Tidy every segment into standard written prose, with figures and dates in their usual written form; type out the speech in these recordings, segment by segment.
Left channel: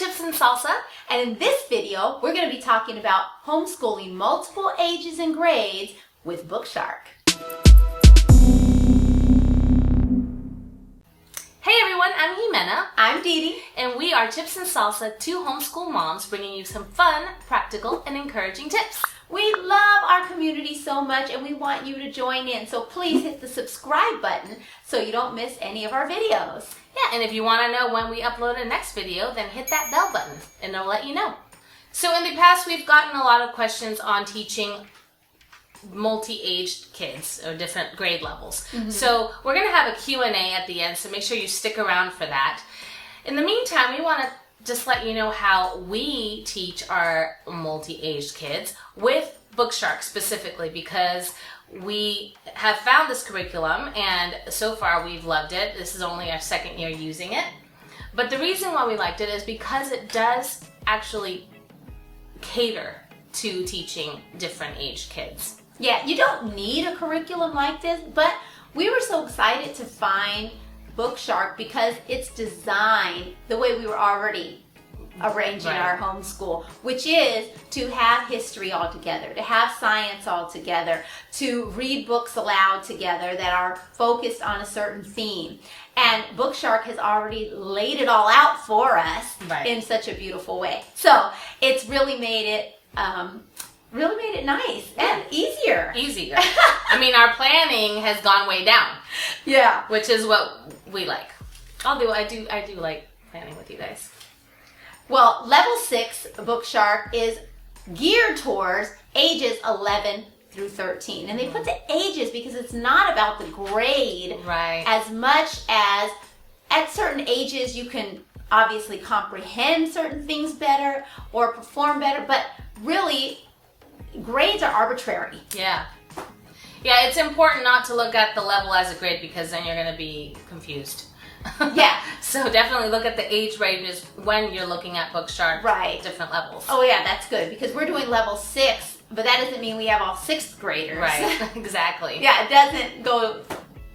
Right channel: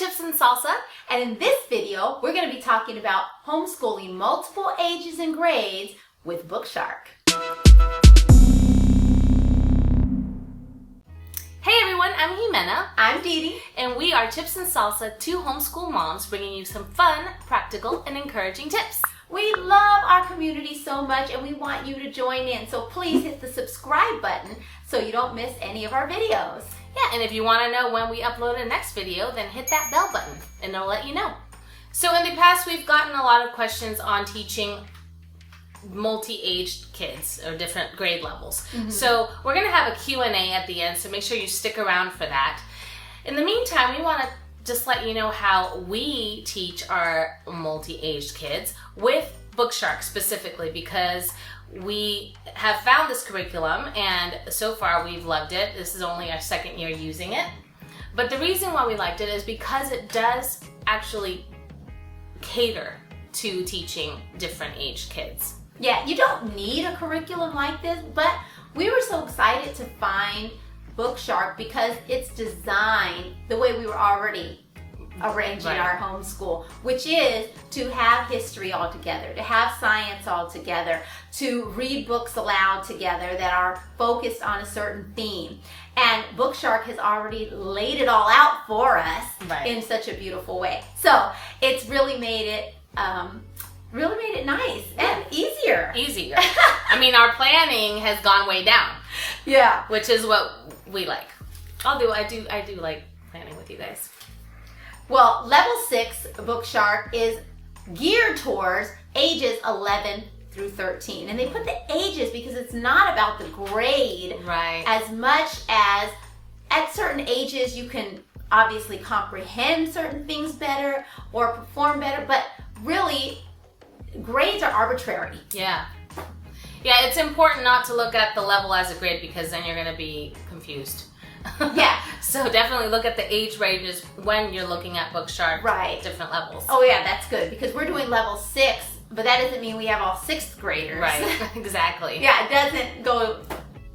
Chips and Salsa, and in this video, we're going to be talking about homeschooling multiple ages and grades with Bookshark. Hey everyone, I'm Ximena. I'm DeeDee. And we are Chips and Salsa, two homeschool moms bringing you some fun, practical, and encouraging tips. We love our community so much and we want you to join in, so please hit the subscribe button so you don't miss any of our videos. Yeah, and if you want to know when we upload a next video, then hit that bell button and it'll let you know. So in the past, we've gotten a lot of questions on teaching multi-aged kids or different grade levels. So we're going to have a Q&A at the end, so make sure you stick around for that. In the meantime, we want to just let you know how we teach our multi-aged kids with Bookshark specifically, because we have found this curriculum and so far we've loved it. This is only our second year using it. But the reason why we liked it is because it does actually cater to teaching different aged kids. Yeah, you don't need a curriculum like this, but we were so excited to find Bookshark because it's designed the way we were already arranging our homeschool, which is to have history all together, to have science all together, to read books aloud together that are focused on a certain theme. And Bookshark has already laid it all out for us in such a beautiful way. So it's really made it nice and easier. I mean, our planning has gone way down. Yeah. Which is what we like. I do like planning with you guys. Well, level 6 Bookshark is geared towards ages 11 through 13. And they put the ages because it's not about the grade as much as at certain ages you can obviously comprehend certain things better or perform better, but really grades are arbitrary. Yeah, it's important not to look at the level as a grade because then you're going to be confused. Yeah. So definitely look at the age ranges when you're looking at Bookshark different levels. Oh yeah, that's good because we're doing level 6, but that doesn't mean we have all 6th graders. Right, exactly. Yeah, it doesn't go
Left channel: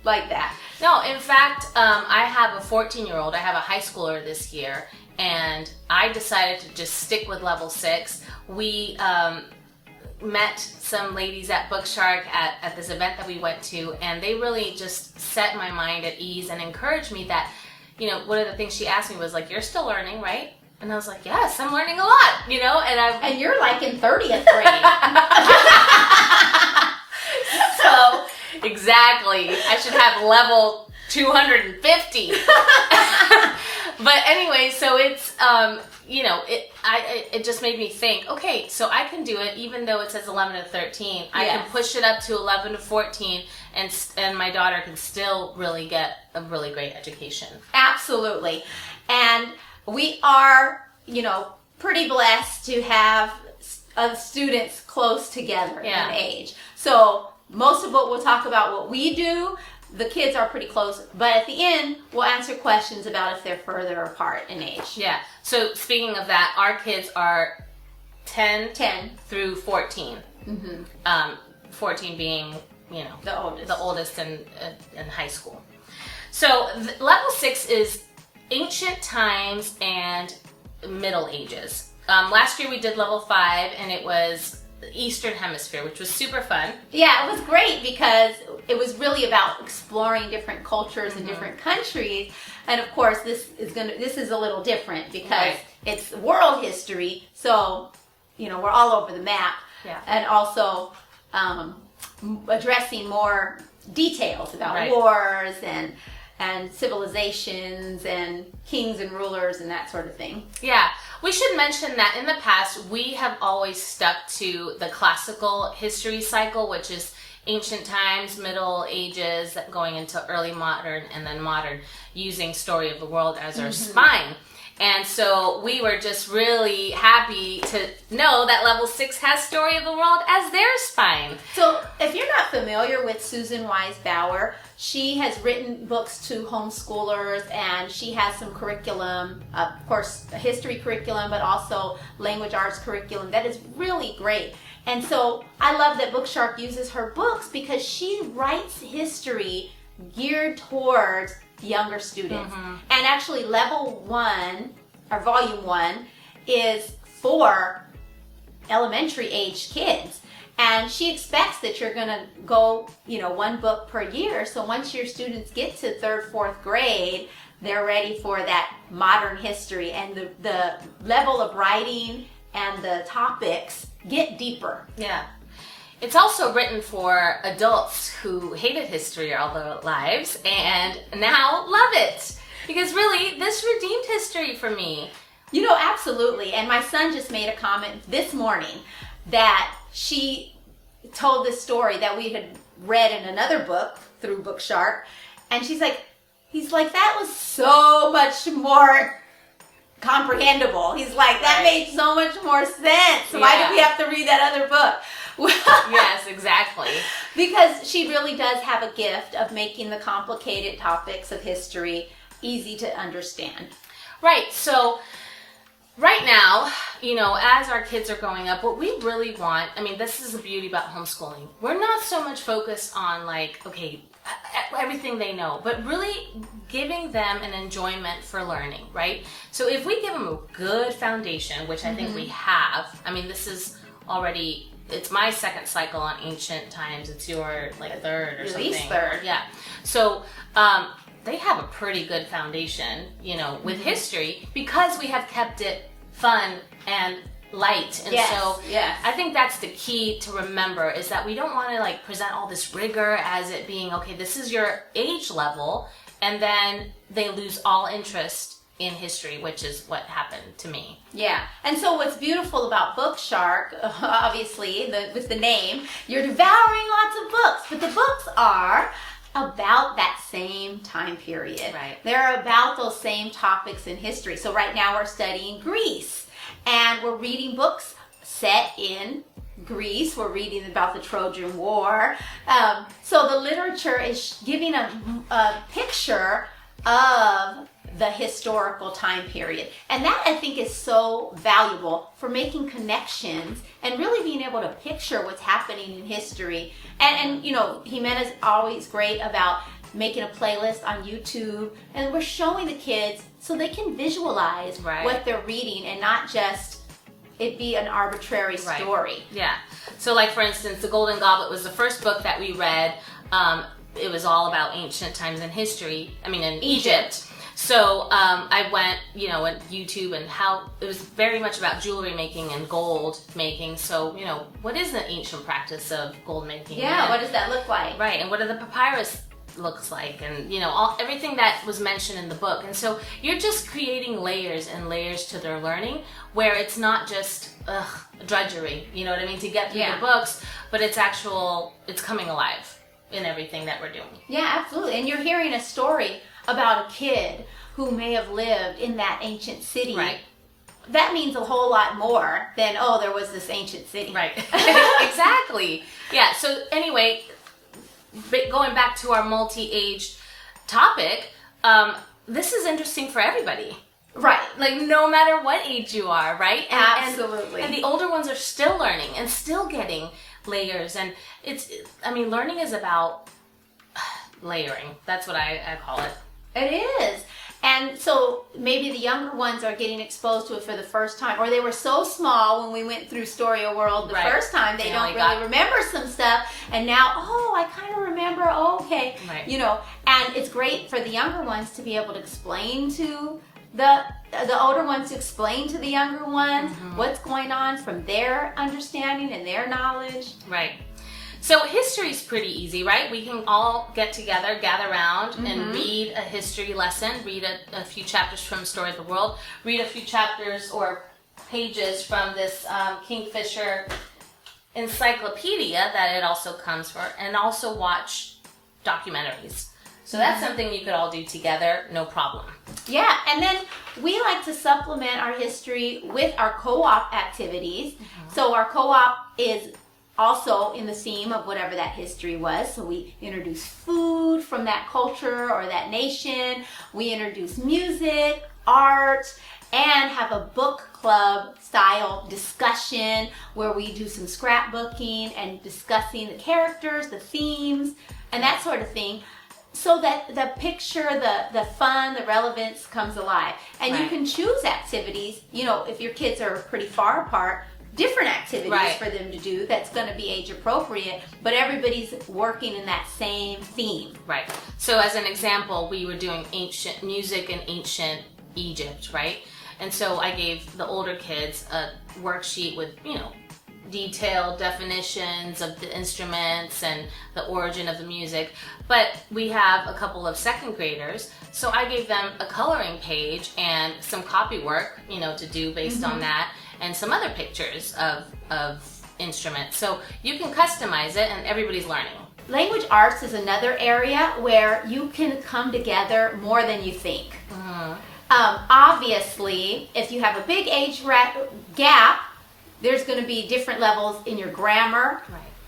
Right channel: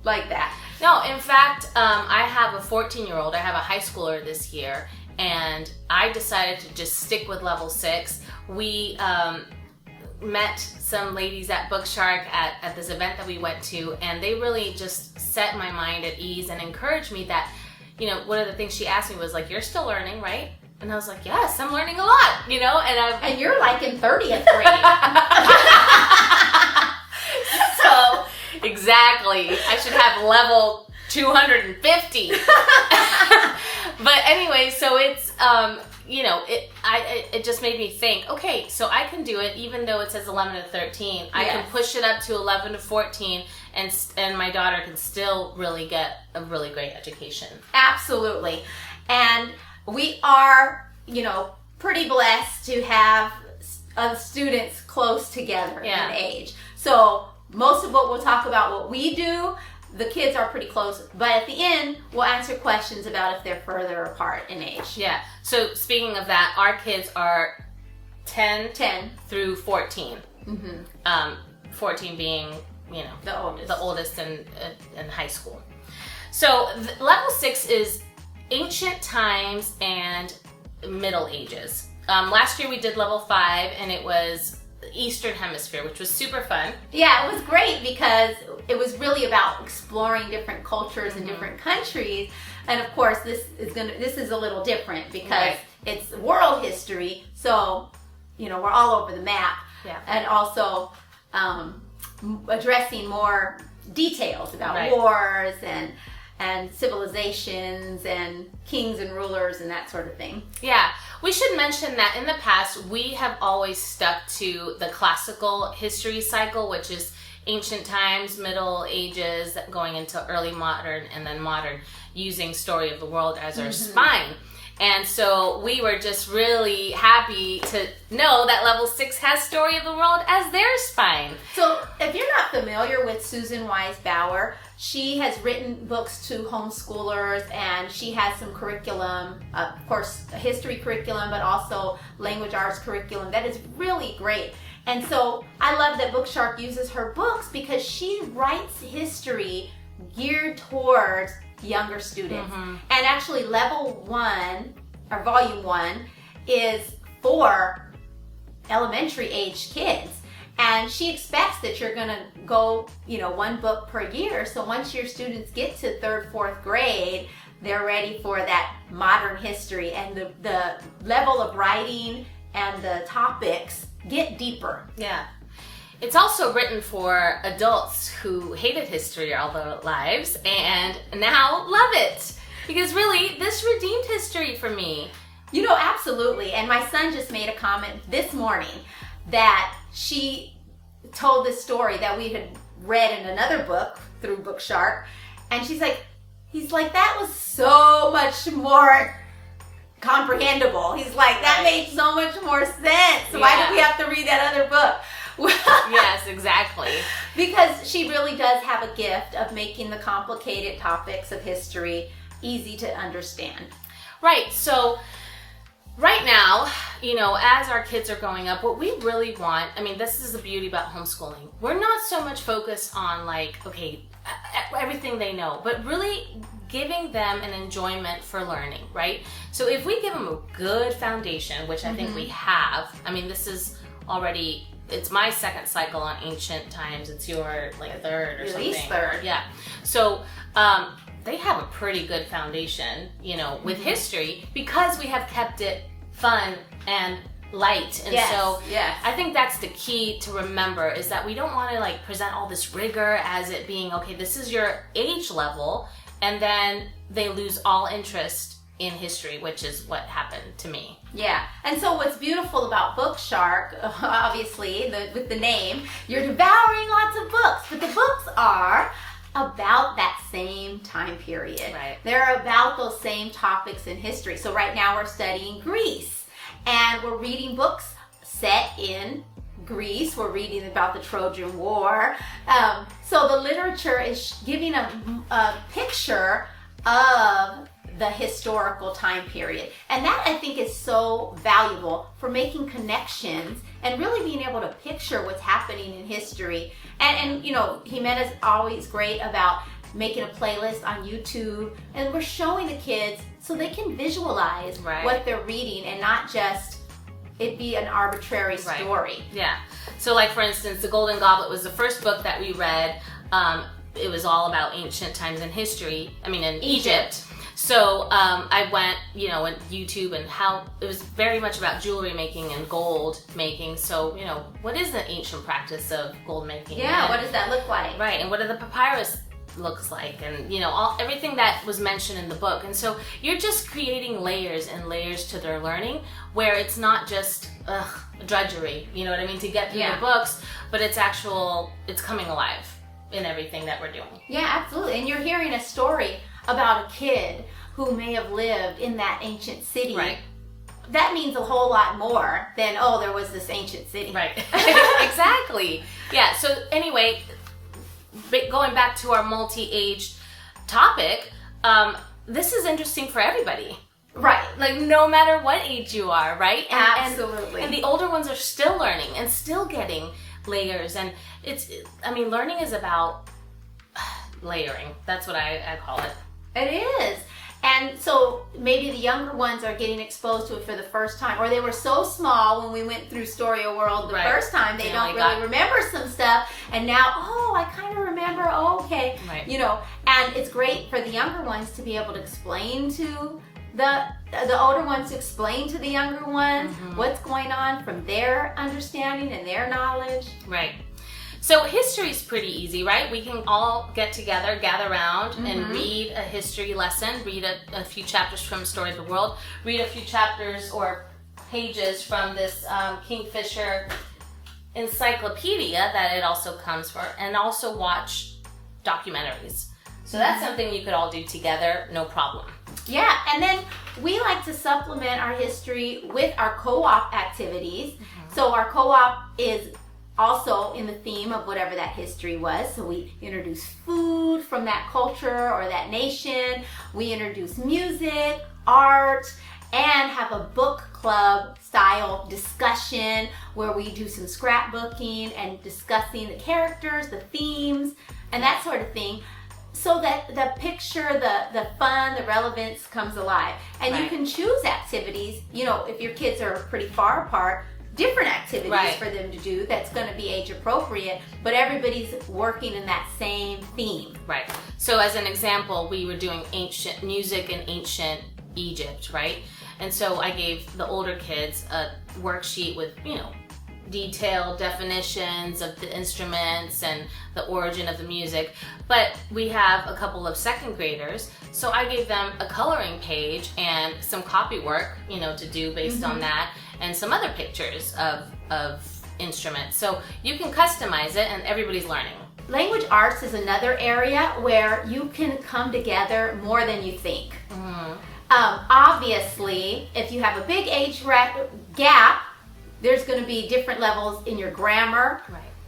like that. No, in fact, I have a 14-year-old. I have a high schooler this year, and I decided to just stick with level 6. We met some ladies at Bookshark at this event that we went to, and they really just set my mind at ease and encouraged me that, you know, one of the things she asked me was like, "You're still learning, right?" And I was like, "Yes, I'm learning a lot," you know, and you're like in 30th grade. So, exactly. I should have level 250. But anyway, so it's, you know, it just made me think, okay, so I can do it even though it says 11 to 13. I can push it up to 11 to 14 and my daughter can still really get a really great education. Absolutely. And we are, you know, pretty blessed to have students close together in age. So most of what we'll talk about what we do, the kids are pretty close, but at the end, we'll answer questions about if they're further apart in age. Yeah. So speaking of that, our kids are 10 through 14. 14 being, you know, the oldest in high school. So level 6 is ancient times and middle ages. Last year we did level 5 and it was Eastern Hemisphere, which was super fun. Yeah, it was great because it was really about exploring different cultures in different countries, and of course this is a little different because it's world history, so you know we're all over the map, and also addressing more details about wars and civilizations and kings and rulers and that sort of thing. Yeah. We should mention that in the past, we have always stuck to the classical history cycle, which is ancient times, Middle Ages, going into early modern, and then modern, using Story of the World as our spine. And so we were just really happy to know that level 6 has Story of the World as their spine. So if you're not familiar with Susan Wise Bauer, she has written books to homeschoolers and she has some curriculum, of course a history curriculum, but also language arts curriculum that is really great. And so I love that Bookshark uses her books because she writes history geared towards younger students. And actually level 1 our volume 1 is for elementary age kids. And she expects that you're going to go, one book per year. So once your students get to 3rd, 4th grade, they're ready for that modern history, and the level of writing and the topics get deeper. Yeah. It's also written for adults who hated history all their lives and now love it. Because really, this redeemed history for me. Absolutely. And my son just made a comment this morning that she told this story that we had read in another book through Bookshark. And he's like, that was so much more comprehensible. He's like, that made so much more sense. Why did we have to read that other book? Yes, exactly. Because she really does have a gift of making the complicated topics of history easy to understand. Right. So right now, as our kids are growing up, what we really want, this is the beauty about homeschooling. We're not so much focused on everything they know, but really giving them an enjoyment for learning, right? So if we give them a good foundation, which I think we have, this is already, it's my 2nd cycle on ancient times. It's your 3rd or something. At least 3rd. Yeah. So they have a pretty good foundation, with history, because we have kept it fun and light. And I think that's the key to remember, is that we don't want to present all this rigor as it being, okay, this is your age level, and then they lose all interest in history, which is what happened to me. Yeah. And so what's beautiful about Bookshark, obviously, with the name, you're devouring lots of books, but the books are about that same time period. Right. They're about those same topics in history. So right now we're studying Greece, and we're reading books set in Greece. We're reading about the Trojan War. So the literature is giving a picture of the historical time period. And that, I think, is so valuable for making connections and really being able to picture what's happening in history. And Ximena's always great about making a playlist on YouTube, and we're showing the kids so they can visualize what they're reading and not just it be an arbitrary story. Yeah. So for instance, The Golden Goblet was the first book that we read. It was all about ancient times in history, in Egypt. So I went, on YouTube, and how it was very much about jewelry making and gold making. So, what is the ancient practice of gold making? Yeah, what does that look like? Right, and what do the papyrus looks like, and everything that was mentioned in the book. And so you're just creating layers and layers to their learning, where it's not just drudgery, to get through the books, but it's coming alive in everything that we're doing. Yeah, absolutely. And you're hearing a story about a kid who may have lived in that ancient city. Right. That means a whole lot more than, there was this ancient city. Right. Exactly. Yeah. So anyway, going back to our multi-age topic, this is interesting for everybody. Right. No matter what age you are, right? Absolutely. And the older ones are still learning and still getting layers. And learning is about layering. That's what I call it. It is. And so maybe the younger ones are getting exposed to it for the first time, or they were so small when we went through Story of World the first time, they don't really remember some stuff, and now, I kind of remember, okay. Right. And it's great for the younger ones to be able to explain to the older ones, to explain to the younger ones what's going on from their understanding and their knowledge. Right. So history is pretty easy, right? We can all get together, gather around, and read a history lesson, read a few chapters from Story of the World, read a few chapters or pages from this Kingfisher encyclopedia that it also comes for, and also watch documentaries. So that's something you could all do together, no problem. Yeah, and then we like to supplement our history with our co-op activities. So our co-op is also in the theme of whatever that history was. So we introduce food from that culture or that nation. We introduce music, art, and have a book club style discussion where we do some scrapbooking and discussing the characters, the themes, and that sort of thing. so that the picture, the fun, the relevance comes alive. And you can choose activities, if your kids are pretty far apart, different activities for them to do that's going to be age appropriate, but everybody's working in that same theme. Right. So as an example, we were doing ancient music in ancient Egypt, right? And so I gave the older kids a worksheet with, detailed definitions of the instruments and the origin of the music. But we have a couple of second graders, so I gave them a coloring page and some copy work, to do based on that, and some other pictures of instruments. So you can customize it, and everybody's learning. Language arts is another area where you can come together more than you think. Obviously, if you have a big age gap, there's going to be different levels in your grammar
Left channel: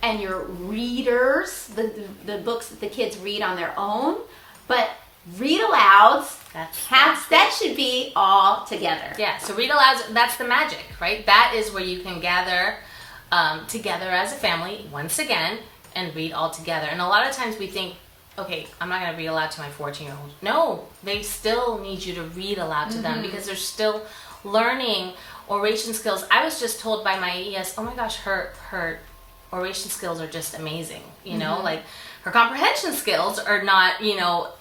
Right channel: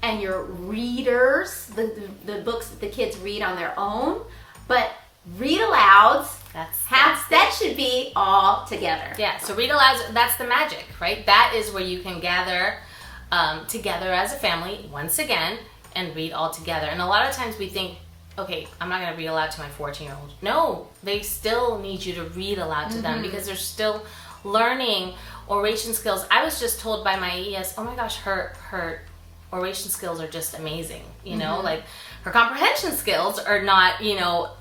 and your readers, the books that the kids read on their own. But read-alouds, that should be all together. Yeah, so read-alouds, that's the magic, right? That is where you can gather together as a family once again and read all together. And a lot of times we think, okay, I'm not going to read aloud to my 14-year-old. No, they still need you to read aloud to them because they're still learning oration skills. I was just told by my ES, oh my gosh, her oration skills are just amazing. Like her comprehension skills are not,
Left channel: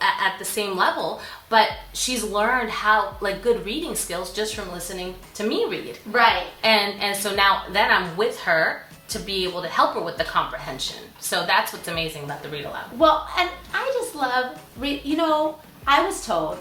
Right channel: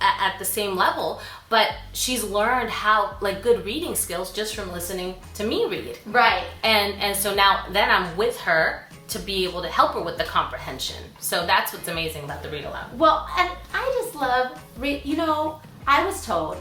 at the same level, but she's learned how, like, good reading skills just from listening to me read. Right. And so now then I'm with her to be able to help her with the comprehension. So that's what's amazing about the read aloud. Well, and I just love, I was told,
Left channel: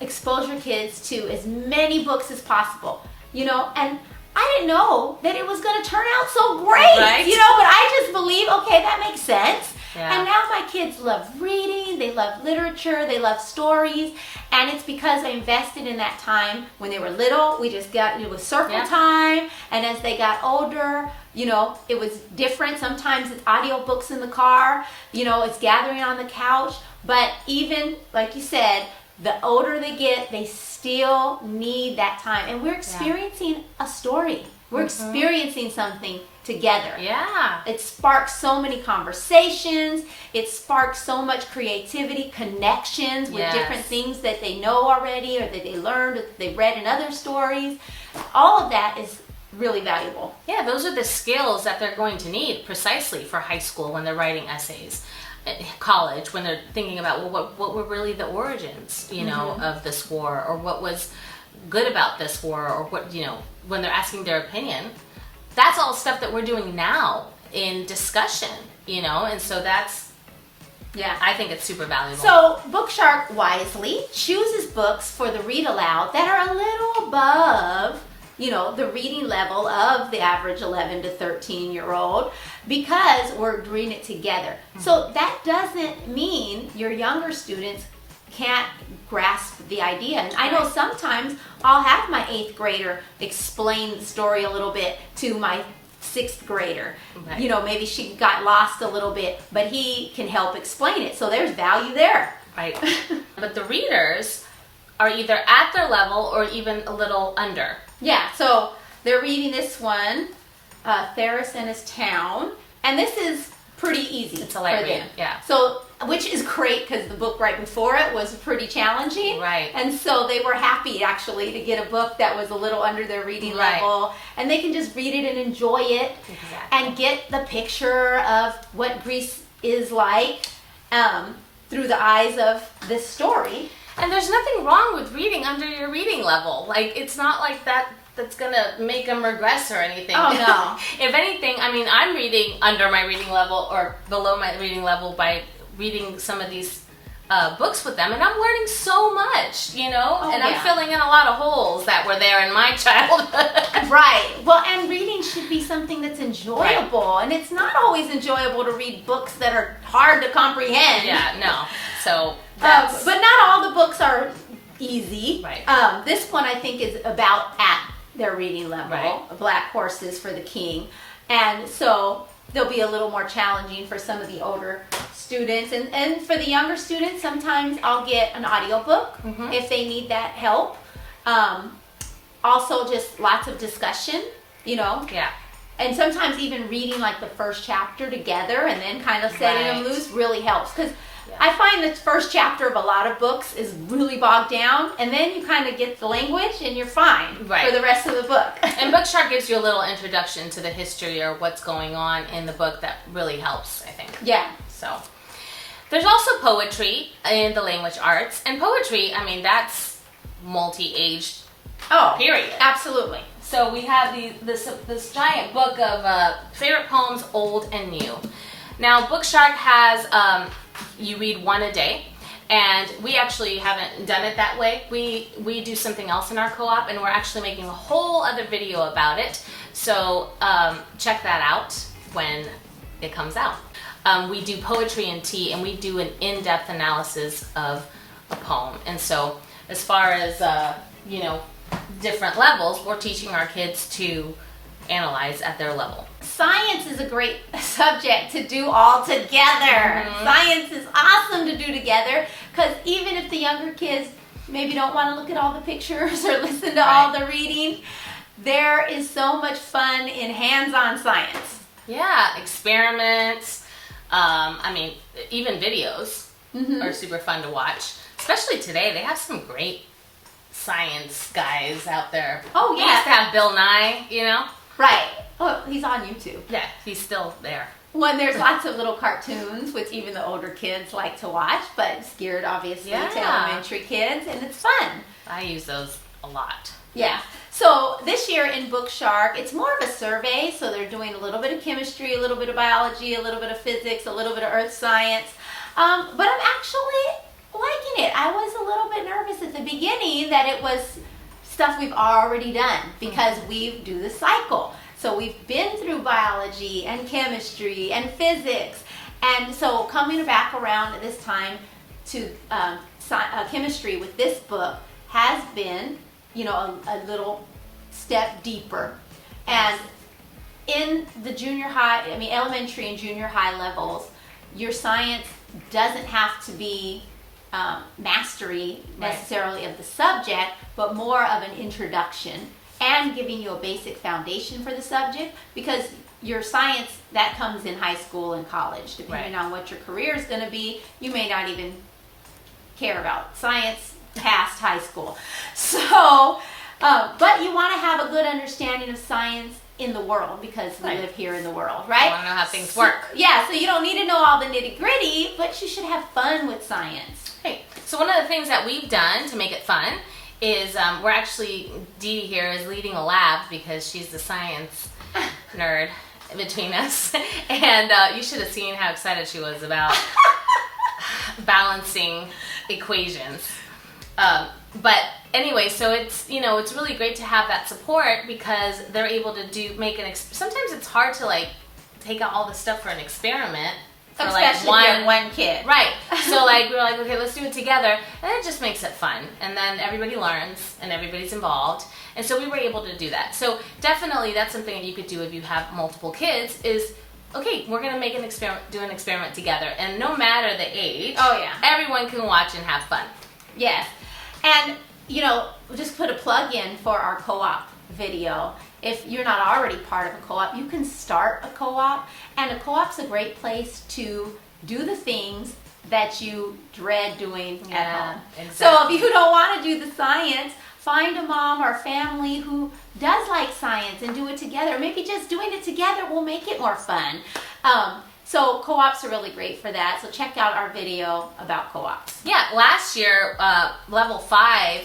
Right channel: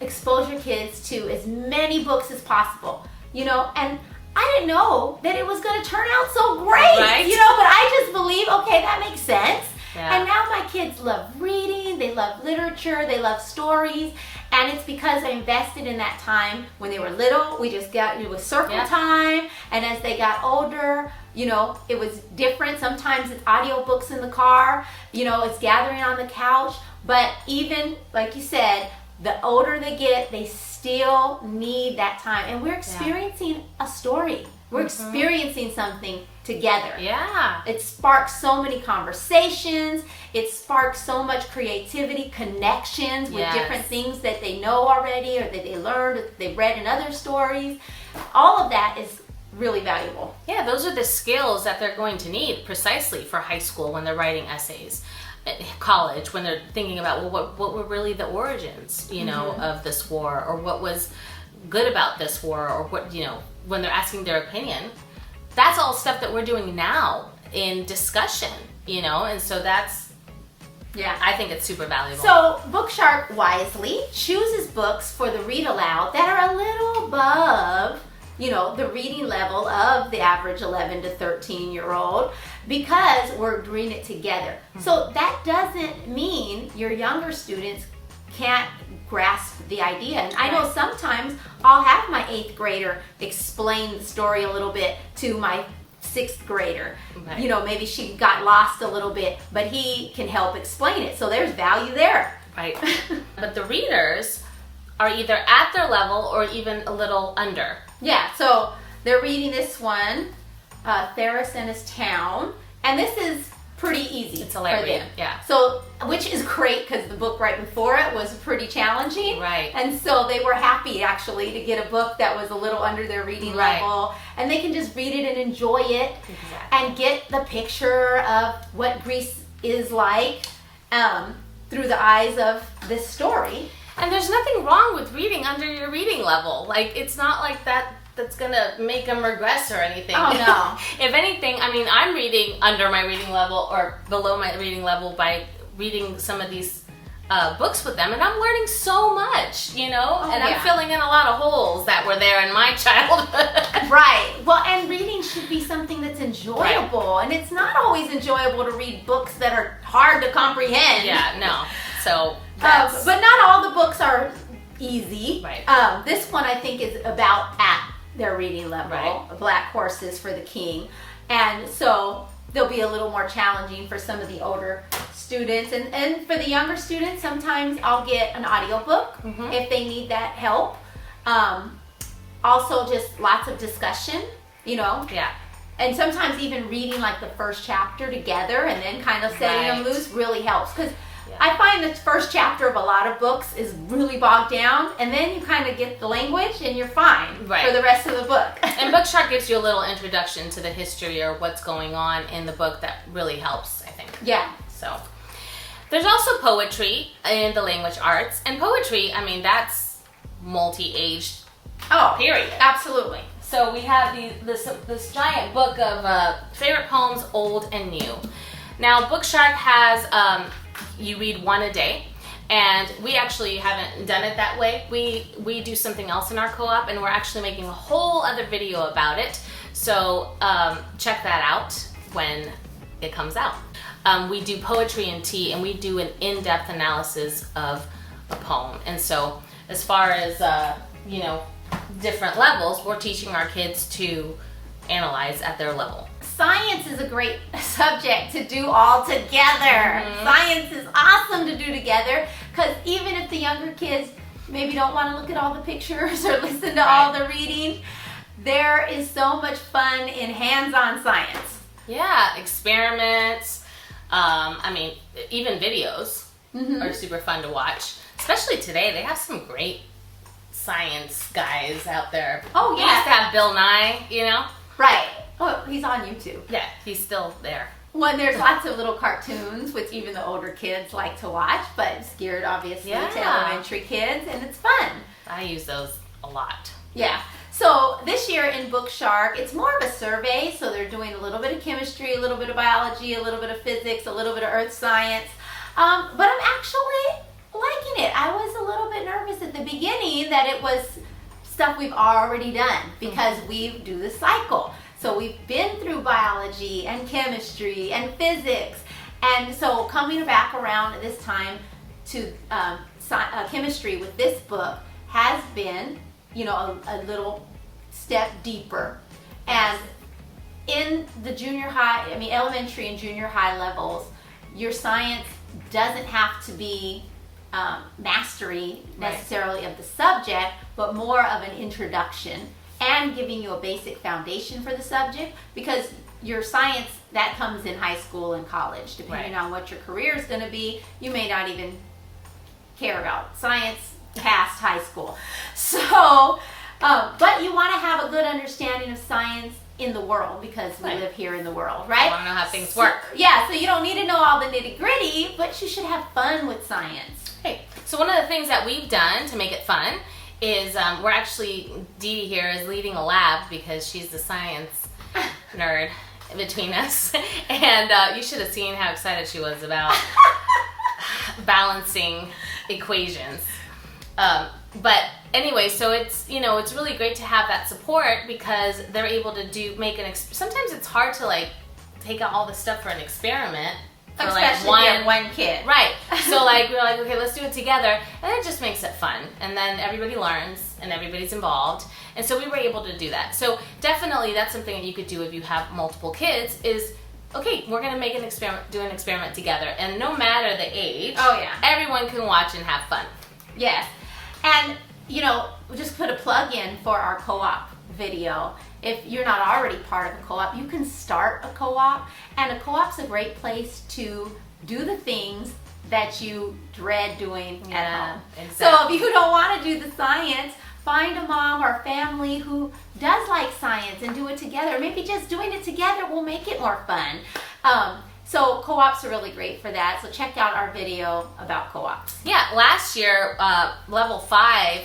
expose your kids to as many books as possible, and I didn't know that it was going to turn out so great, right? But I just believe, okay, that makes sense. Yeah. And now my kids love reading, they love literature, they love stories, and it's because I invested in that time when they were little. We just got, it was circle time, and as they got older, it was different. Sometimes it's audiobooks in the car, it's gathering on the couch, but even, like you said, the older they get, they still need that time. And we're experiencing a story. We're experiencing something together. Yeah. It sparks so many conversations. It sparks so much creativity, connections with different things that they know already or that they learned or that they read in other stories. All of that is really valuable. Yeah, those are the skills that they're going to need precisely for high school when they're writing essays. College, when they're thinking about, well, what were really the origins, of this war, or what was good about this war, or what, when they're asking their opinion. That's all stuff that we're doing now in discussion, and so that's, I think it's super valuable. So Bookshark wisely chooses books for the read aloud that are a little above the reading level of the average 11 to 13-year-old, because we're doing it together. So that doesn't mean your younger students can't grasp the idea. And I know sometimes I'll have my 8th grader explain the story a little bit to my 6th grader. Right. Maybe she got lost a little bit, but he can help explain it. So there's value there. Right. But the readers are either at their level or even a little under. Yeah, so they're reading this one, Theris and His Town, and this is pretty easy. It's a light read, yeah. So, which is great because the book right before it was pretty challenging. Right. And so they were happy actually to get a book that was a little under their reading level, and they can just read it and enjoy it and get the picture of what Greece is like through the eyes of this story. And there's nothing wrong with reading under your reading level. Like, it's not like that's going to make them regress or anything. Oh, no. If anything, I mean, I'm reading under my reading level or below my reading level by reading some of these books with them, and I'm learning so much, and I'm filling in a lot of holes that were there in my childhood. Right. Well, and reading should be something that's enjoyable, and it's not always enjoyable to read books that are hard to comprehend. Yeah, no. So but not all the books are easy. Right. This one I think is about at their reading level. Right. Black Horses for the King, and so they'll be a little more challenging for some of the older students, and for the younger students, sometimes I'll get an audiobook if they need that help. Also, just lots of discussion. Yeah. And sometimes even reading like the first chapter together and then kind of setting them loose really helps. Because Yeah. I find the first chapter of a lot of books is really bogged down, and then you kind of get the language and you're fine for the rest of the book. And Bookshark gives you a little introduction to the history or what's going on in the book that really helps, I think. Yeah. So there's also poetry in the language arts, and poetry, I mean, that's multi-aged. Oh, period. Absolutely. So we have this giant book of favorite poems, old and new. Now, Bookshark has, you read one a day, and we actually haven't done it that way. We do something else in our co-op, and we're actually making a whole other video about it. So check that out when it comes out. We do poetry and tea, and we do an in-depth analysis of a poem. And so as far as, different levels, we're teaching our kids to analyze at their level. Science is a great subject to do all together. Science is awesome to do together, because even if the younger kids maybe don't want to look at all the pictures or listen to all the reading, there is so much fun in hands-on science. Yeah, experiments. Even videos are super fun to watch. Especially today, they have some great science guys out there. Oh, yeah. We used to have Bill Nye, Right. Oh, he's on YouTube. Yeah, he's still there. When there's lots of little cartoons, which even the older kids like to watch, but it's geared obviously to elementary kids, and it's fun. I use those a lot. Yeah. So this year in Bookshark, it's more of a survey, so they're doing a little bit of chemistry, a little bit of biology, a little bit of physics, a little bit of earth science. But I'm actually liking it. I was a little bit nervous at the beginning that it was stuff we've already done, because we do the cycle. So we've been through biology and chemistry and physics. And so coming back around at this time to chemistry with this book has been, a little step deeper. And in the elementary and junior high levels, your science doesn't have to be mastery necessarily of the subject, but more of an introduction and giving you a basic foundation for the subject, because your science, that comes in high school and college. Depending on what your career is going to be, you may not even care about science past high school. So, but you want to have a good understanding of science in the world, because we live here in the world, right? You want to know how things work. Yeah, so you don't need to know all the nitty-gritty, but you should have fun with science. Hey, so one of the things that we've done to make it fun is we're actually, DeeDee here is leading a lab, because she's the science nerd between us. And you should have seen how excited she was about balancing equations. But anyway, so it's, it's really great to have that support, because they're able to sometimes it's hard to take out all the stuff for an experiment. For Especially one kid. Right. So we're like, okay, let's do it together. And it just makes it fun. And then everybody learns and everybody's involved. And so we were able to do that. So definitely that's something that you could do if you have multiple kids is, okay, we're going to make do an experiment together. And no matter the age, everyone can watch and have fun. Yes. And, we'll just put a plug in for our co-op video. If you're not already part of a co-op, you can start a co-op, and a co-op's a great place to do the things that you dread doing at home. Exactly. So if you don't want to do the science, find a mom or family who does like science and do it together. Maybe just doing it together will make it more fun. So co-ops are really great for that. So check out our video about co-ops. Yeah, last year, level 5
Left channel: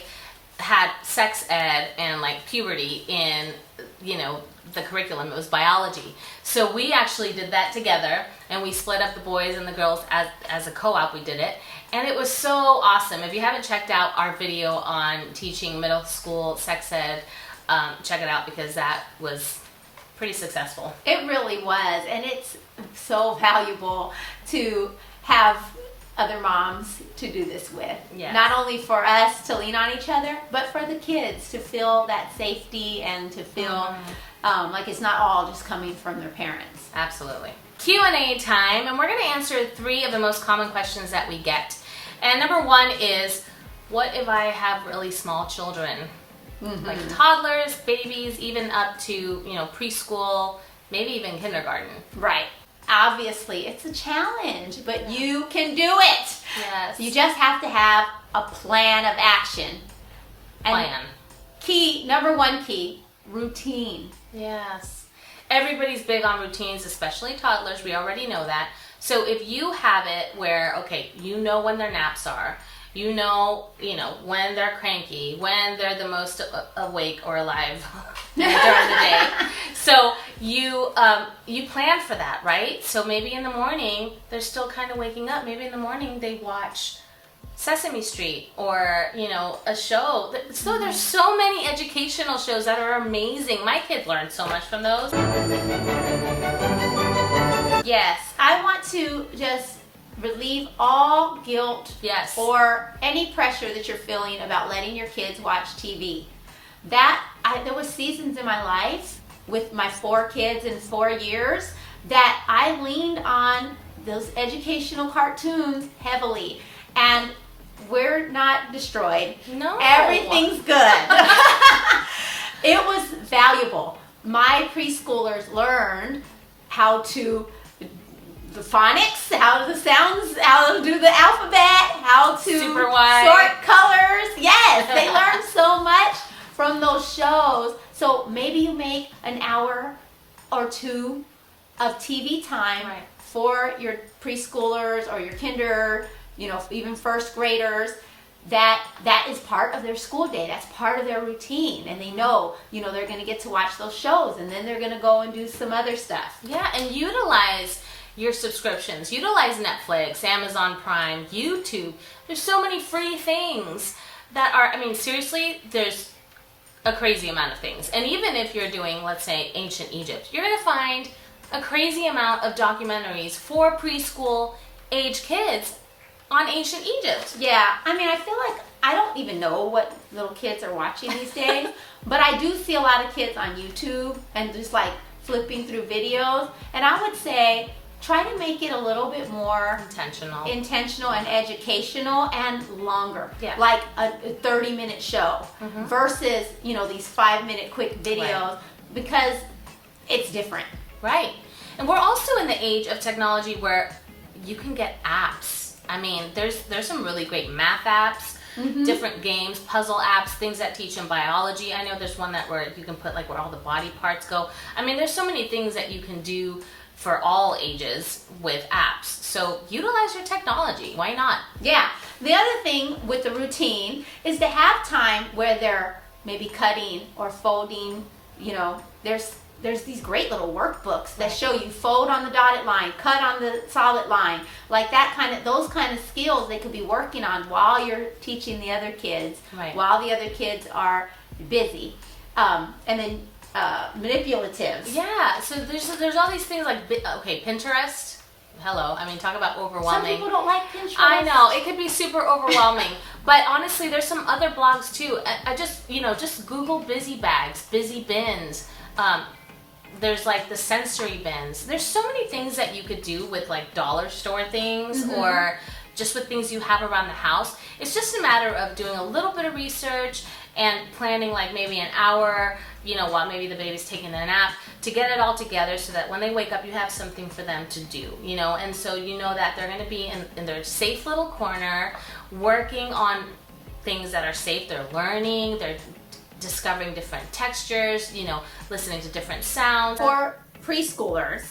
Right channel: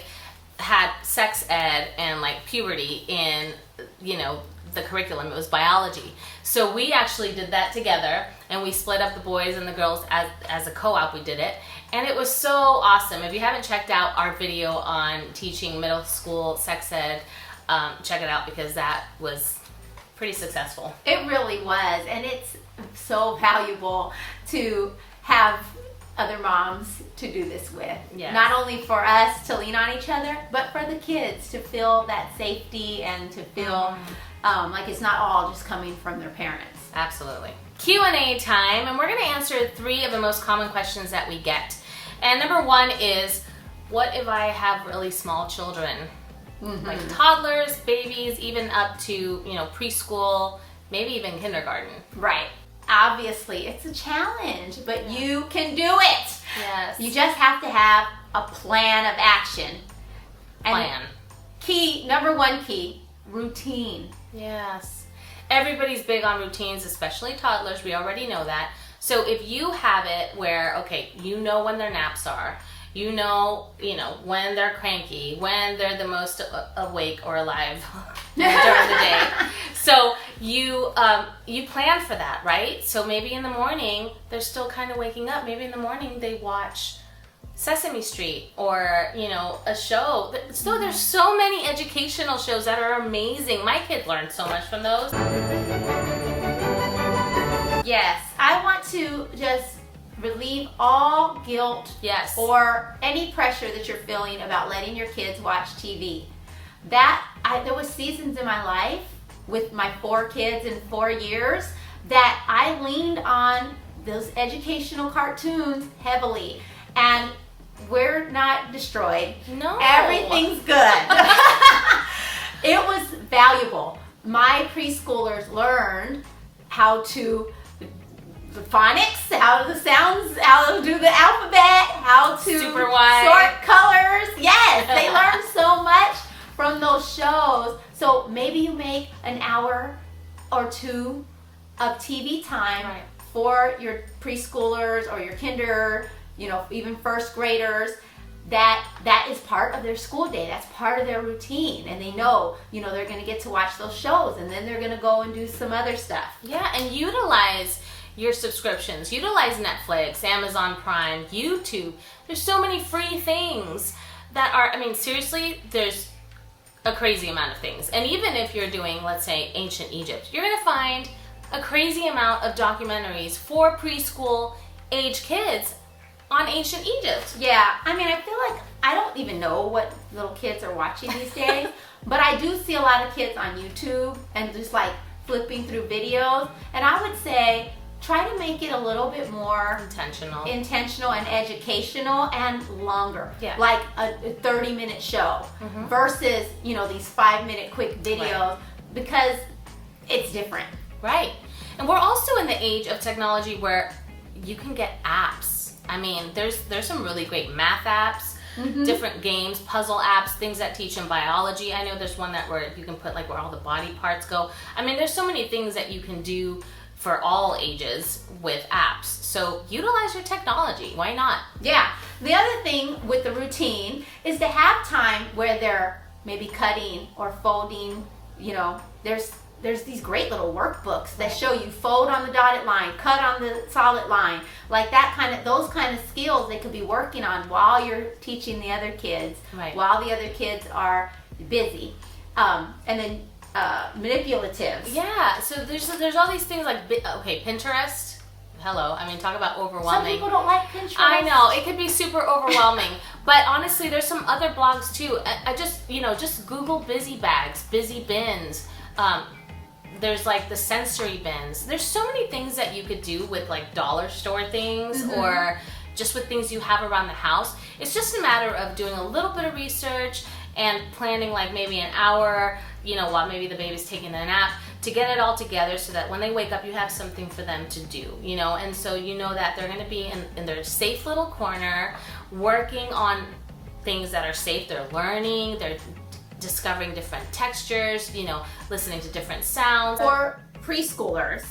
had sex ed and puberty in, the curriculum. It was biology. So we actually did that together, and we split up the boys and the girls as a co-op. We did it, and it was so awesome. If you haven't checked out our video on teaching middle school sex ed, check it out, because that was pretty successful. It really was, and it's so valuable to have other moms to do this with. Yes. Not only for us to lean on each other, but for the kids to feel that safety and to feel like it's not all just coming from their parents. Absolutely. Q&A time, and we're going to answer 3 of the most common questions that we get. And number 1 is, what if I have really small children? Like toddlers, babies, even up to, preschool, maybe even kindergarten. Right. obviously it's a challenge, but you can do it. Yes. You just have to have a plan of action. Number one key, routine. Yes. Everybody's big on routines, especially toddlers. We already know that. So if you have it where, okay, you know when their naps are, you know when they're cranky, when they're the most awake or alive during the day. So you plan for that, right? So maybe in the morning they're still kind of waking up. Maybe in the morning they watch Sesame Street or a show. So there's so many educational shows that are amazing. My kids learned so much from those. Yes, I want to just relieve all guilt or any pressure that you're feeling about letting your kids watch TV. There was seasons in my life with my 4 kids in 4 years that I leaned on those educational cartoons heavily, and we're not destroyed. No. Everything's good. It was valuable. My preschoolers learned how to the phonics, how the sounds, how to do the alphabet, how to Super wide. sort colors. Yes, they learned so much from those shows. So maybe you make an hour or 2 of TV time for your preschoolers or your kinder, even first graders. That is part of their school day. That's part of their routine, and they know, they're going to get to watch those shows, and then they're going to go and do some other stuff. Yeah, and utilize your subscriptions. Utilize Netflix, Amazon Prime, YouTube. There's so many free things that are, seriously, there's a crazy amount of things. And even if you're doing, let's say, ancient Egypt, you're going to find a crazy amount of documentaries for preschool age kids on ancient Egypt. Yeah, I feel like I don't even know what little kids are watching these days, but I do see a lot of kids on YouTube and just like flipping through videos, and I would say try to make it a little bit more intentional and educational and longer. Yeah. Like a 30-minute show versus, these 5-minute quick videos, because it's different. Right. And we're also in the age of technology where you can get apps. There's some really great math apps, different games, puzzle apps, things that teach in biology. I know there's one where you can put where all the body parts go. There's so many things that you can do for all ages with apps. So utilize your technology. Why not? Yeah. The other thing with the routine is to have time where they're maybe cutting or folding. There's these great little workbooks that show you fold on the dotted line, cut on the solid line, like those kind of skills they could be working on while you're teaching the other kids, while the other kids are busy. And then manipulative. Yeah, so there's all these things Pinterest. Hello, talk about overwhelming. Some people don't like Pinterest. I know, it could be super overwhelming. But honestly, there's some other blogs too. I just Google busy bags, busy bins. There's the sensory bins. There's so many things that you could do with dollar store things or just with things you have around the house. It's just a matter of doing a little bit of research and planning maybe an hour, while maybe the baby's taking a nap, to get it all together so that when they wake up you have something for them to do, and so that they're going to be in their safe little corner working on things that are safe. They're learning, they're discovering different textures, listening to different sounds. For preschoolers,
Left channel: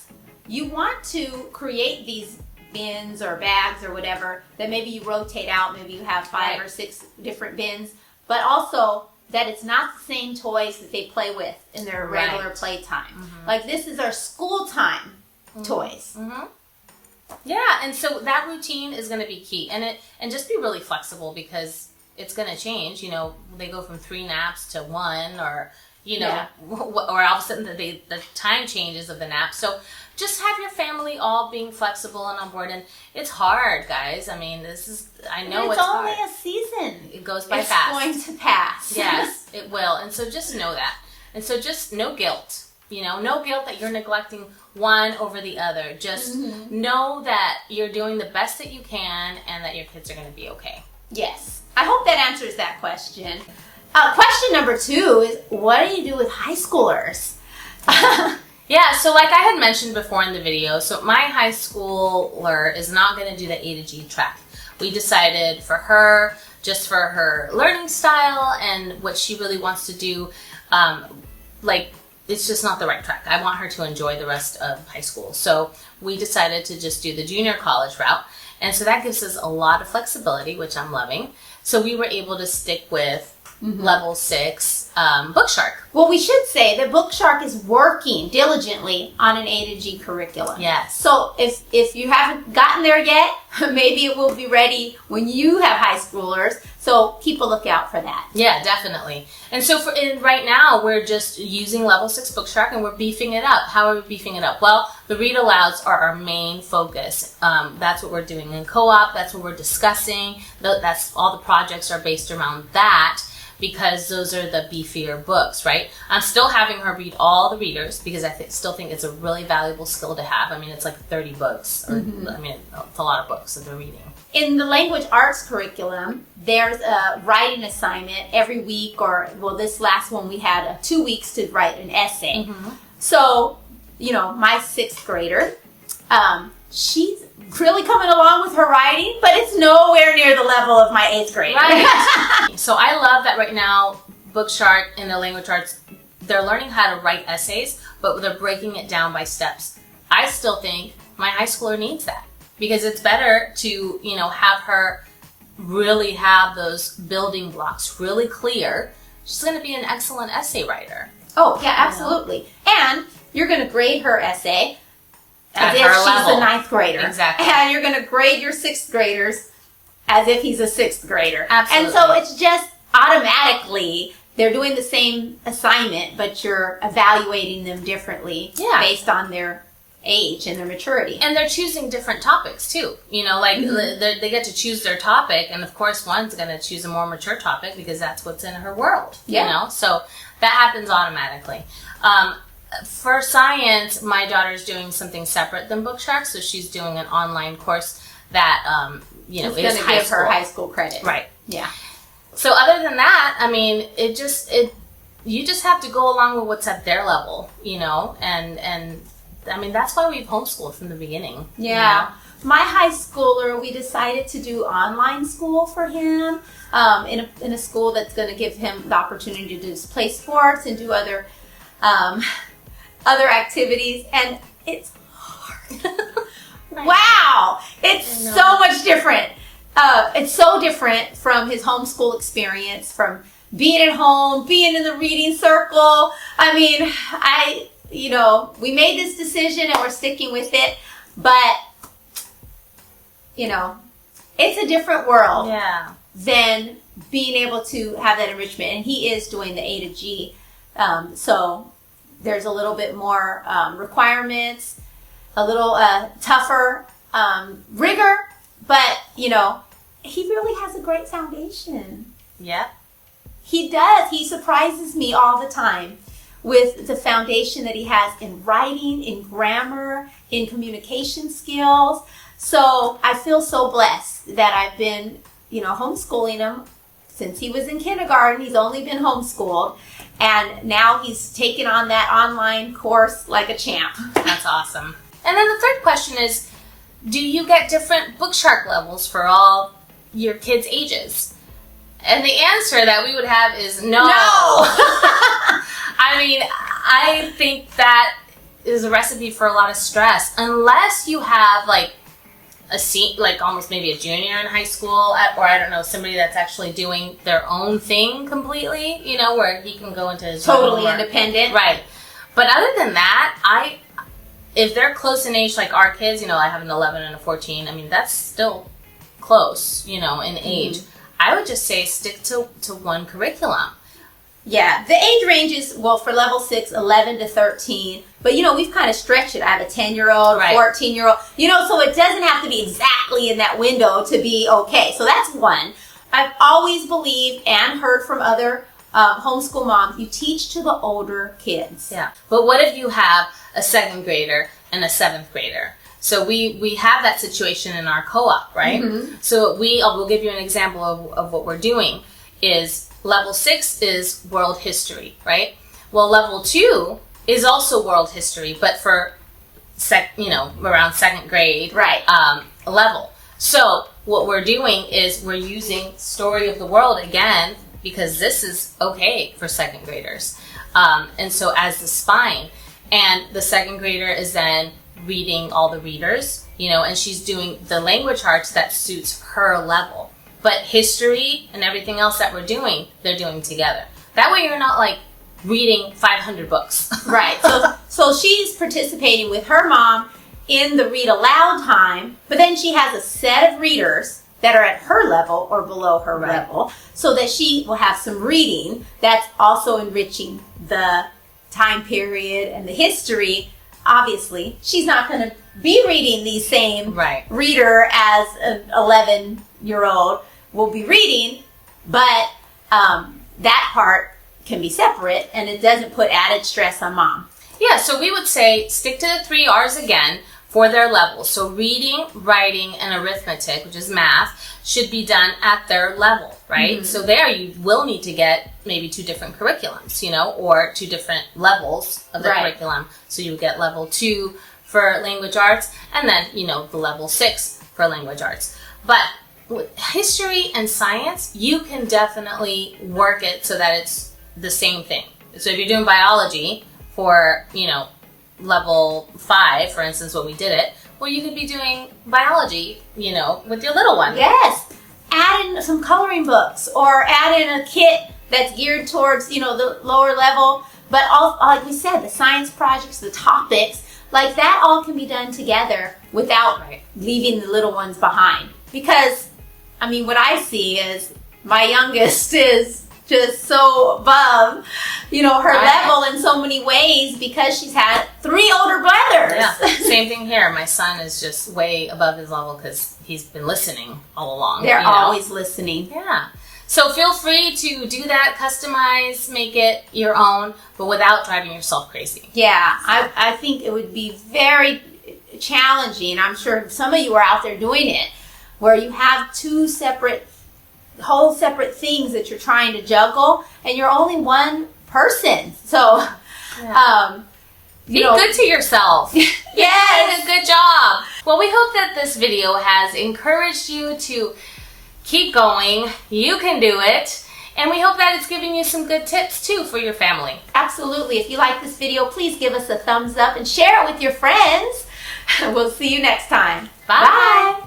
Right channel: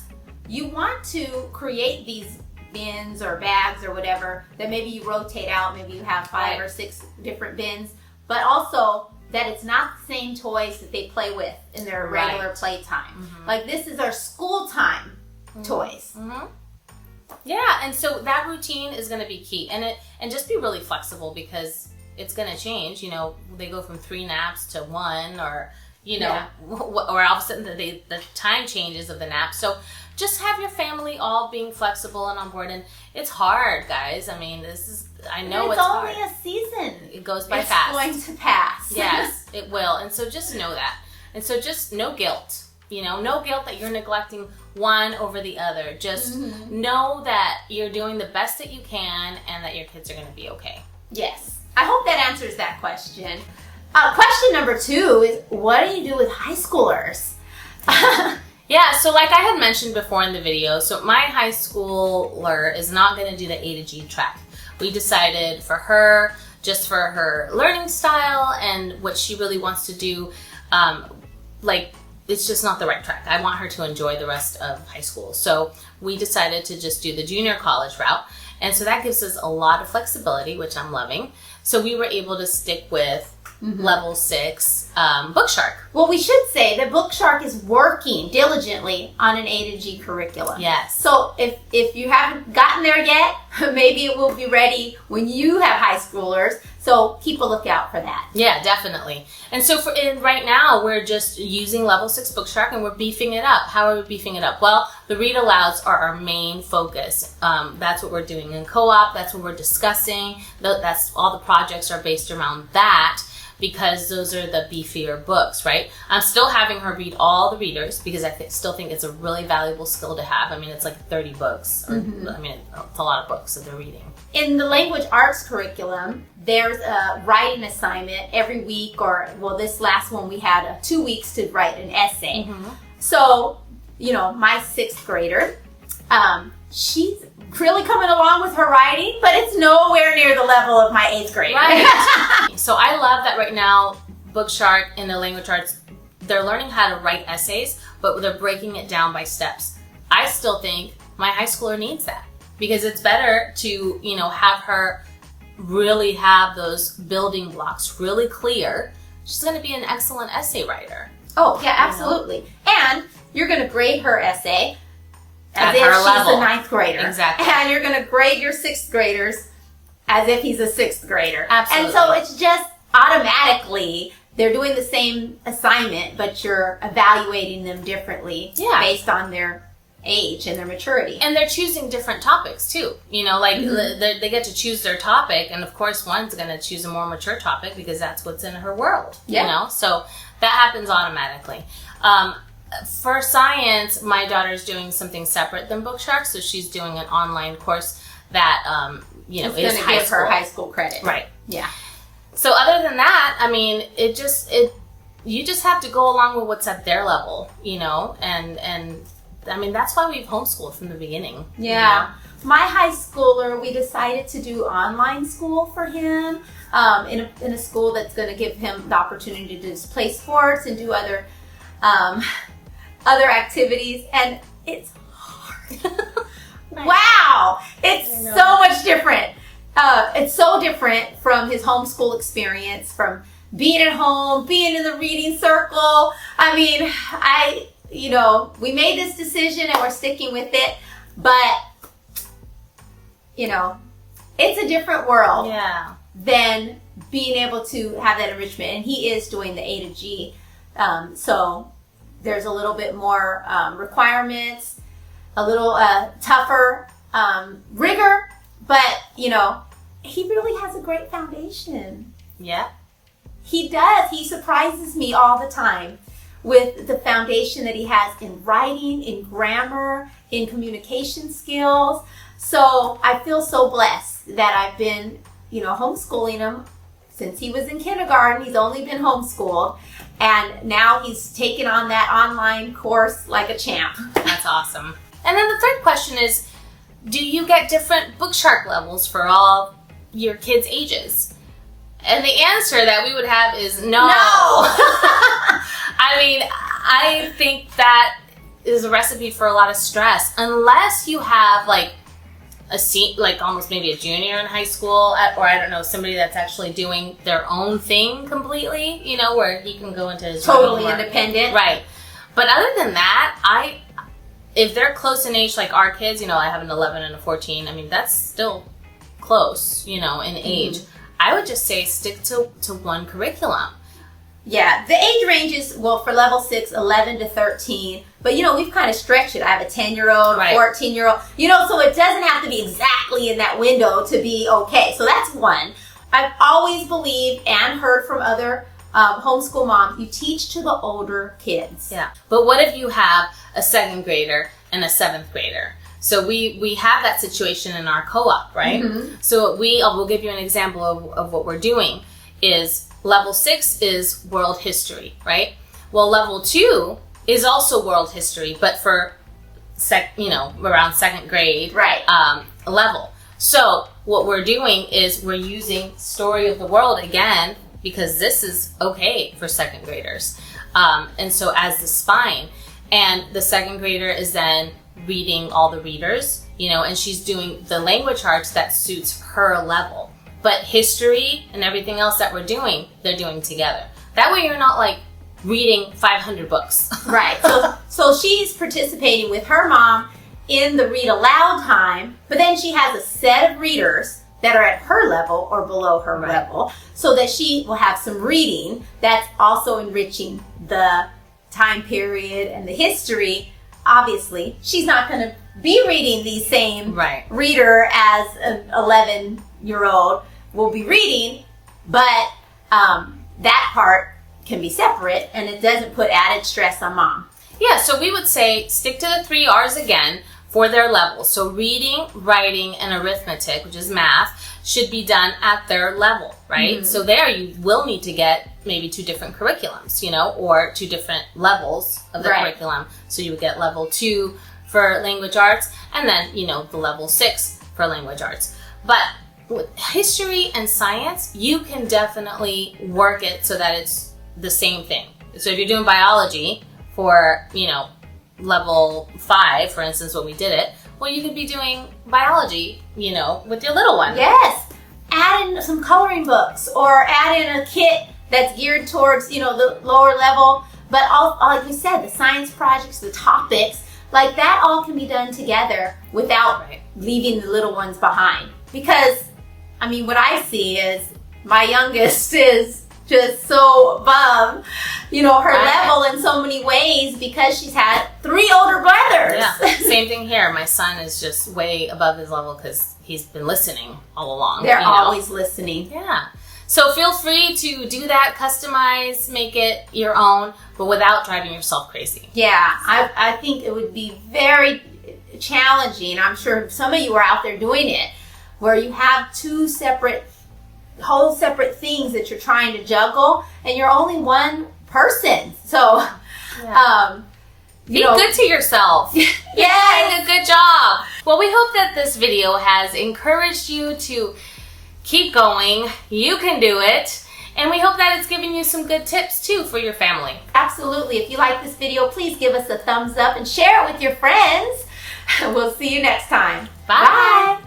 you want to create these bins or bags or whatever that maybe you rotate out. Maybe you have 5 or 6 different bins, but also that it's not the same toys that they play with in their regular playtime. This is our school time toys. Yeah, and so that routine is going to be key, and just be really flexible, because it's going to change. They go from 3 naps to 1, or or all of a sudden the time changes of the nap. So just have your family all being flexible and on board. And it's hard, guys. I know it's hard. It's only a season. It goes by fast. It's going to pass. Yes, it will. And so just know that. And so just no guilt. No guilt that you're neglecting one over the other. Just know that you're doing the best that you can and that your kids are going to be okay. Yes. I hope that answers that question. Question number 2 is, what do you do with high schoolers? Yeah, so like I had mentioned before in the video, so my high schooler is not going to do the A to G track. We decided for her, just for her learning style and what she really wants to do, it's just not the right track. I want her to enjoy the rest of high school. So we decided to just do the junior college route. And so that gives us a lot of flexibility, which I'm loving. So we were able to stick with level 6 Bookshark. Well, we should say that Bookshark is working diligently on an A to G curriculum. Yes. So if you haven't gotten there yet, maybe it will be ready when you have high schoolers. So keep a lookout for that. Yeah, definitely. And so right now, we're just using level 6 Bookshark and we're beefing it up. How are we beefing it up? Well, the read-alouds are our main focus. That's what we're doing in co-op. That's what we're discussing. That's all the projects are based around that, because those are the beefier books, right? I'm still having her read all the readers because I still think it's a really valuable skill to have. I mean, it's like 30 books. Or, I mean, it's a lot of books that they're reading. In the language arts curriculum, there's a writing assignment every week, this last one we had 2 weeks to write an essay. So, my 6th grader, she's really coming along with her writing, but it's nowhere near the level of my 8th grader. Right. So I love that right now, Bookshark in the language arts, they're learning how to write essays, but they're breaking it down by steps. I still think my high schooler needs that, because it's better to, have her really have those building blocks really clear. She's going to be an excellent essay writer. Oh, yeah, absolutely. And you're going to grade her essay as if her she's level. a 9th grader. Exactly. And you're going to grade your 6th graders as if he's a 6th grader. Absolutely. And so it's just automatically, they're doing the same assignment, but you're evaluating them differently based on their age and their maturity. And they're choosing different topics too. They get to choose their topic, and of course one's going to choose a more mature topic because that's what's in her world. So that happens automatically. For science, my daughter's doing something separate than Bookshark, so she's doing an online course that it's is high school. Her high school credit. Right. Yeah. So other than that, I mean, you just have to go along with what's at their level, and I mean, that's why we've homeschooled from the beginning. Yeah. My high schooler, we decided to do online school for him in a school that's going to give him the opportunity to just play sports and do other activities, and it's hard. Wow! It's so much different. It's so different from his homeschool experience, from being at home, being in the reading circle. I mean, we made this decision and we're sticking with it, but, it's a different world than being able to have that enrichment. And he is doing the A to G, so there's a little bit more requirements, a little tougher rigor, but, he really has a great foundation. Yeah. He does. He surprises me all the time with the foundation that he has in writing, in grammar, in communication skills. So I feel so blessed that I've been, homeschooling him since he was in kindergarten. He's only been homeschooled. And now he's taken on that online course like a champ. That's awesome. And then the third question is, do you get different Bookshark levels for all your kids' ages? And the answer that we would have is no. I mean, I think that is a recipe for a lot of stress. Unless you have almost maybe a junior in high school, or I don't know, somebody that's actually doing their own thing completely, where he can go into his totally independent. Right. But other than that, if they're close in age, like our kids, I have an 11 and a 14. I mean, that's still close, in age. I would just say stick to one curriculum. Yeah, the age ranges, for level 6, 11 to 13. But, we've kind of stretched it. I have a 10-year-old, right. 14-year-old. So it doesn't have to be exactly in that window to be okay. So that's one. I've always believed and heard from other homeschool moms, you teach to the older kids. Yeah. But what if you have a 2nd grader and a 7th grader? So we have that situation in our co-op, right? Mm-hmm. So we'll give you an example of what we're doing is level 6 is world history, right? Well, level 2 is also world history, but for around second grade level. So what we're doing is we're using Story of the World again, because this is okay for second graders. And so as the spine, and the second grader is then reading all the readers, and she's doing the language arts that suits her level. But history and everything else that we're doing, they're doing together. That way you're not like reading 500 books. Right. So she's participating with her mom in the read aloud time, but then she has a set of readers that are at her level or below her level, so that she will have some reading that's also enriching the time period and the history. Obviously, she's not going to be reading the same reader as an 11-year-old will be reading, but that part can be separate, and it doesn't put added stress on mom. Yeah, so we would say stick to the 3 R's again for their levels. So reading, writing, and arithmetic, which is math, should be done at their level, right? Mm-hmm. So there you will need to get maybe 2 different curriculums, or 2 different levels of the curriculum. So you would get level 2 for language arts, and then, the level 6 for language arts. But with history and science, you can definitely work it so that it's the same thing. So if you're doing biology for, level 5, for instance, when we did it, well, you could be doing biology, with your little one. Yes. Add in some coloring books, or add in a kit that's geared towards, the lower level. But all, like we said, the science projects, the topics, like that all can be done together without leaving the little ones behind. Because, what I see is my youngest is just so above, her level in so many ways, because she's had 3 older brothers. Yeah, same thing here. My son is just way above his level because he's been listening all along. They're always listening. Yeah. So feel free to do that, customize, make it your own, but without driving yourself crazy. Yeah, I think it would be very challenging. I'm sure some of you are out there doing it, where you have 2 whole separate things that you're trying to juggle, and you're only one person. So, be good to yourself. You're doing a good job. Well, we hope that this video has encouraged you to keep going. You can do it. And we hope that it's given you some good tips too for your family. Absolutely. If you like this video, please give us a thumbs up and share it with your friends. We'll see you next time. Bye. Bye.